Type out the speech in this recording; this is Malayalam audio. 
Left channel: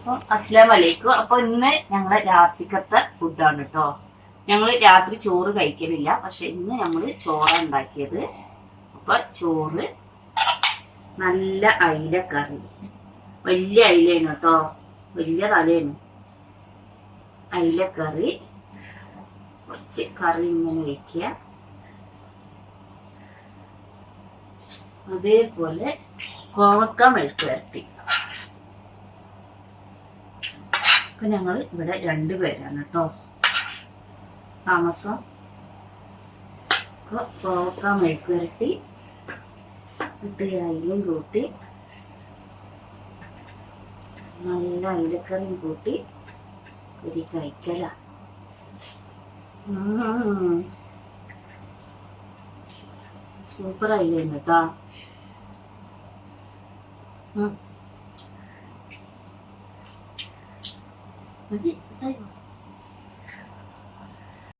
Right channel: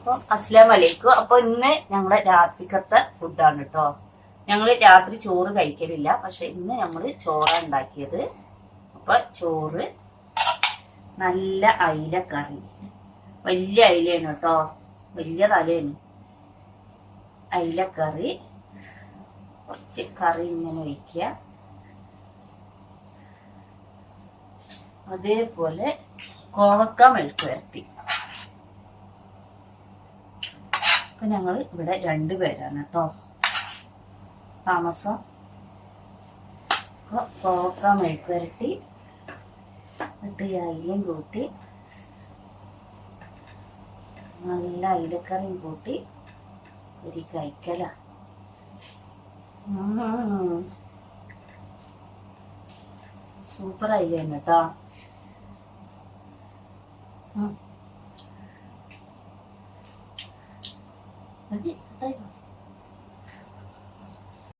അപ്പൊ അസ്ലാം വലൈക്കും അപ്പൊ ഇന്ന് ഞങ്ങളെ രാത്രിക്കത്തെ ഫുഡാണ് കേട്ടോ ഞങ്ങൾ രാത്രി ചോറ് കഴിക്കലില്ല. പക്ഷെ ഇന്ന് ഞങ്ങൾ ചോറ ഉണ്ടാക്കിയത് അപ്പൊ ചോറ് നല്ല അയില കറി വലിയ അയിലയാണ് കേട്ടോ വലിയ തലയാണ് അയില കറി കുറച്ച് കറി ഇങ്ങനെ വയ്ക്കുക അതേപോലെ കോവക്ക മെഴുക്ക് വരട്ടി അപ്പൊ ഞങ്ങൾ ഇവിടെ രണ്ടുപേരാണ് കേട്ടോ താമസം. പോക്ക കോവക്ക മെഴുക്ക് വരട്ടി ഇട്ട് അയിലും കൂട്ടി നല്ല അയിലക്കറിയും കൂട്ടി ഒരു കഴിക്കല സൂപ്പർ അയിലുണ്ട് കേട്ടോ にごい。